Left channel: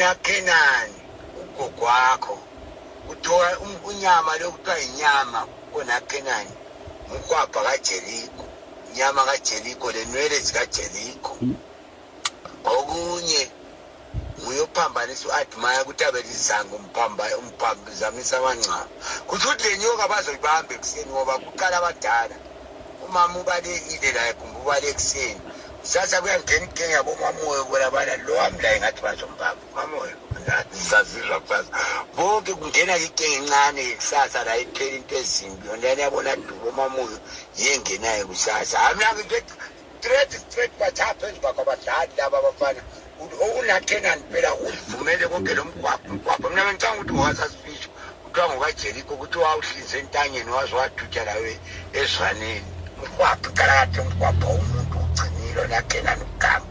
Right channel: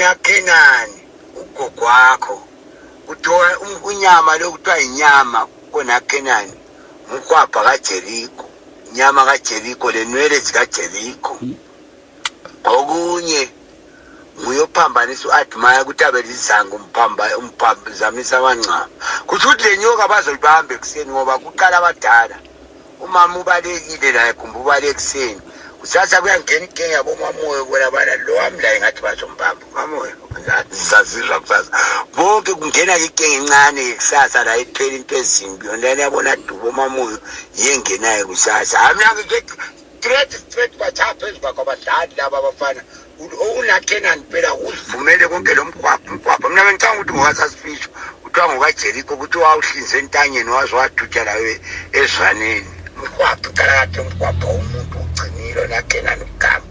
unaKenani ugogo wakho uthola unyama lokuthiwa inyama konaKenani ukwapha kaJeriko inyama kaJeriko lenwele zikaJeriko okunye nguyophambanisa uAdmire ukuthi abelizanga umphambizamisa abancane kuthi uthi lenyoka bazolibambe ekseni ngoba kuqala abadala umama ubalekile la ekumba ubalekuseni usasa kuyangena inkinga yabo mamoyo kwela bana lo amla ngathi bazombamba mamoyo ngazizwa kusasa bonke kungena inkinga encane kusasa la iphela into ezimbi yona yabona dubo mamoyo yengenayo kusasa amna ngithi straight bathapha ezibakabadlali laba abafana unaKenani phela uvumele konke lo mgwaqo mina ngicanga ukuthi ngowasasifisho kuthiwa ngokaJeriko ukuthi wawuhlinze entanyeni waze wadutsha lawe ezwaneni umgwaqo kalakade umgwaqo umuntu ugcinile unaKenani ugama